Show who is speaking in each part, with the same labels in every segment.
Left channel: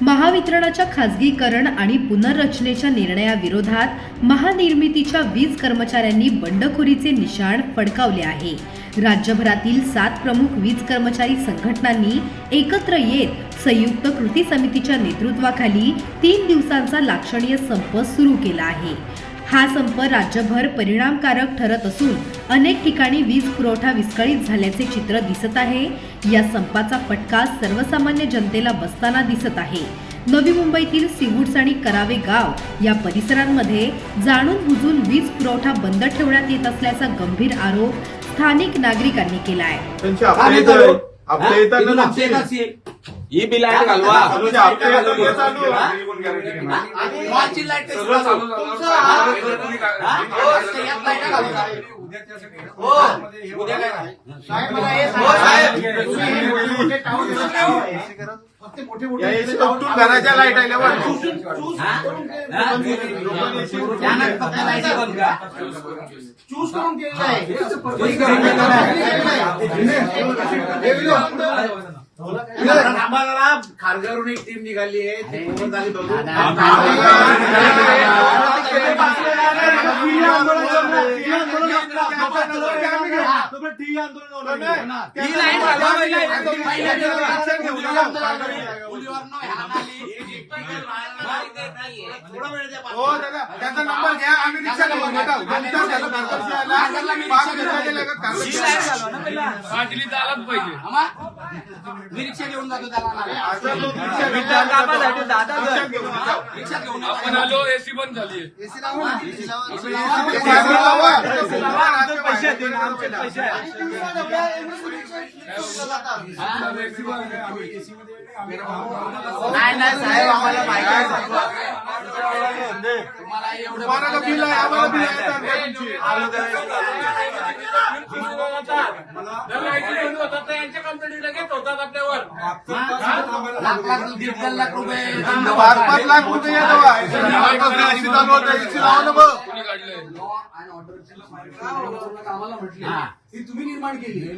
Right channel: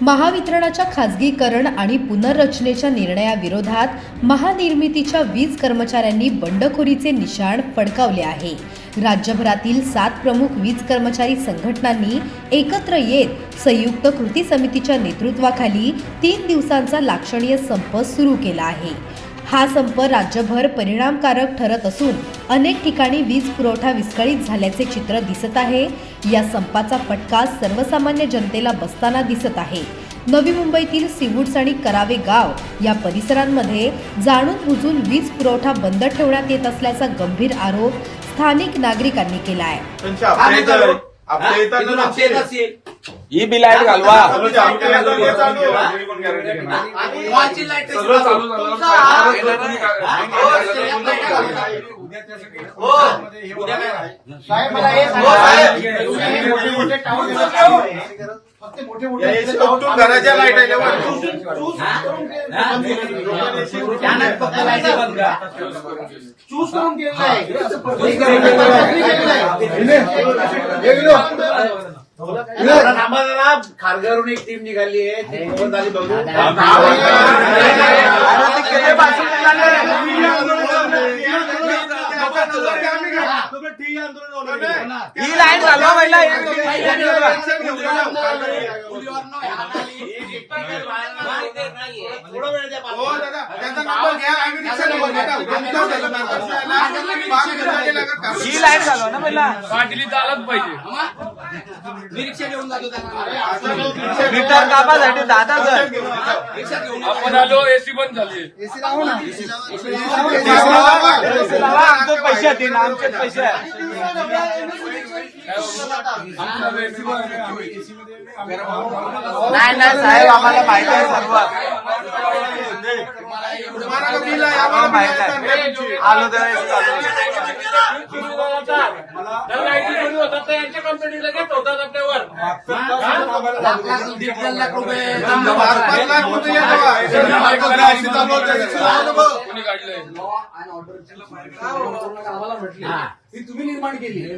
Speaker 1: महावितरणाच्या खासगीकरण आणि पुनर्रचनेच्या निर्णयाविरोधात महानिर्मितीच्या वीज कर्मचाऱ्यांनी बंडखोरीचे निशाण फडकावले आहे. राज्यभरातील सात प्रमुख वीज कर्मचारी संघटनांनी एकत्र येत संयुक्त कृती समितीच्या नेतृत्वाखाली तीन दिवसांचा लाक्षणीय संप सुरू केला आहे. हा संप राज्यभर परिणामकारक ठरत असून अनेक ठिकाणी वीज पुरवठा विस्कळीत झाल्याचे चित्र दिसत आहे. या संपाचा फटका सर्वसामान्य जनतेला बसताना दिसत आहे. नवी मुंबईतील सिवूड्स आणि करावे गाव या परिसरांमध्ये जाणून बुजून वीज पुरवठा बंद ठेवण्यात येत असल्याचा गंभीर आरोप स्थानिक नागरिकांनी केला आहे.
Speaker 2: ही बिल आहे. घालवा
Speaker 3: फक्त मोठे मोठे
Speaker 4: घराच्या
Speaker 2: लाइट.
Speaker 3: चूज करून केलेलं आहे. खारघरवरून एक टीम निघाली आहे ती मोहन झाली बघून
Speaker 2: ही लाइट घालवा पहिला. ही लाइट घालवा ना पहिला.
Speaker 5: सांगली तर आलाच पाहिजे
Speaker 2: मी रिक्षा घेऊन जातो दादा. रिक्षा घेऊन.
Speaker 5: आपण आलो एसी बंद झाली
Speaker 2: आमचे पैसे देईन आमचे पैसे आहे. नाही नाही साहेब आम्हाला माहिती आहे सर्व. आलो तर
Speaker 5: यांच्या कंपनी लगेच होतात आपल्यावर
Speaker 3: ती तुम्ही निर्माण केली. आम्ही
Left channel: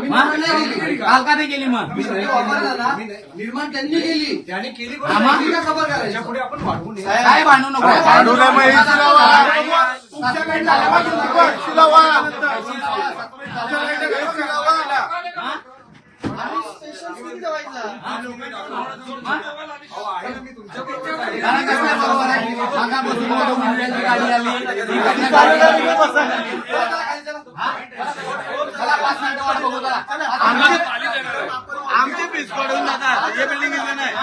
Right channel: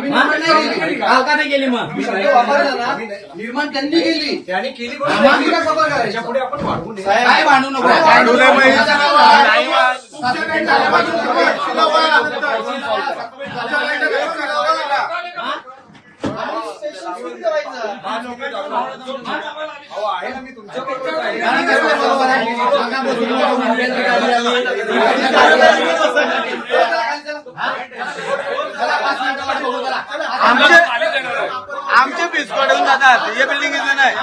Speaker 2: निर्माण
Speaker 3: निर्माण
Speaker 2: नाही केली. काल का नाही केली मग.
Speaker 3: मी शब्द वापरला ना. निर्माण त्यांनी केली. त्यांनी केली. आम्हाला का खबर करायची पुढे आपण वाढवून
Speaker 2: काय भांडू नको?
Speaker 4: भांडू नये बाई. तुमच्याकडे झाल्या पाहिजे. तुमच्याकडे व्यवस्थित लावायला.
Speaker 2: आमचे पीस बिस्कॉट जातात या बिल्डिंग नाही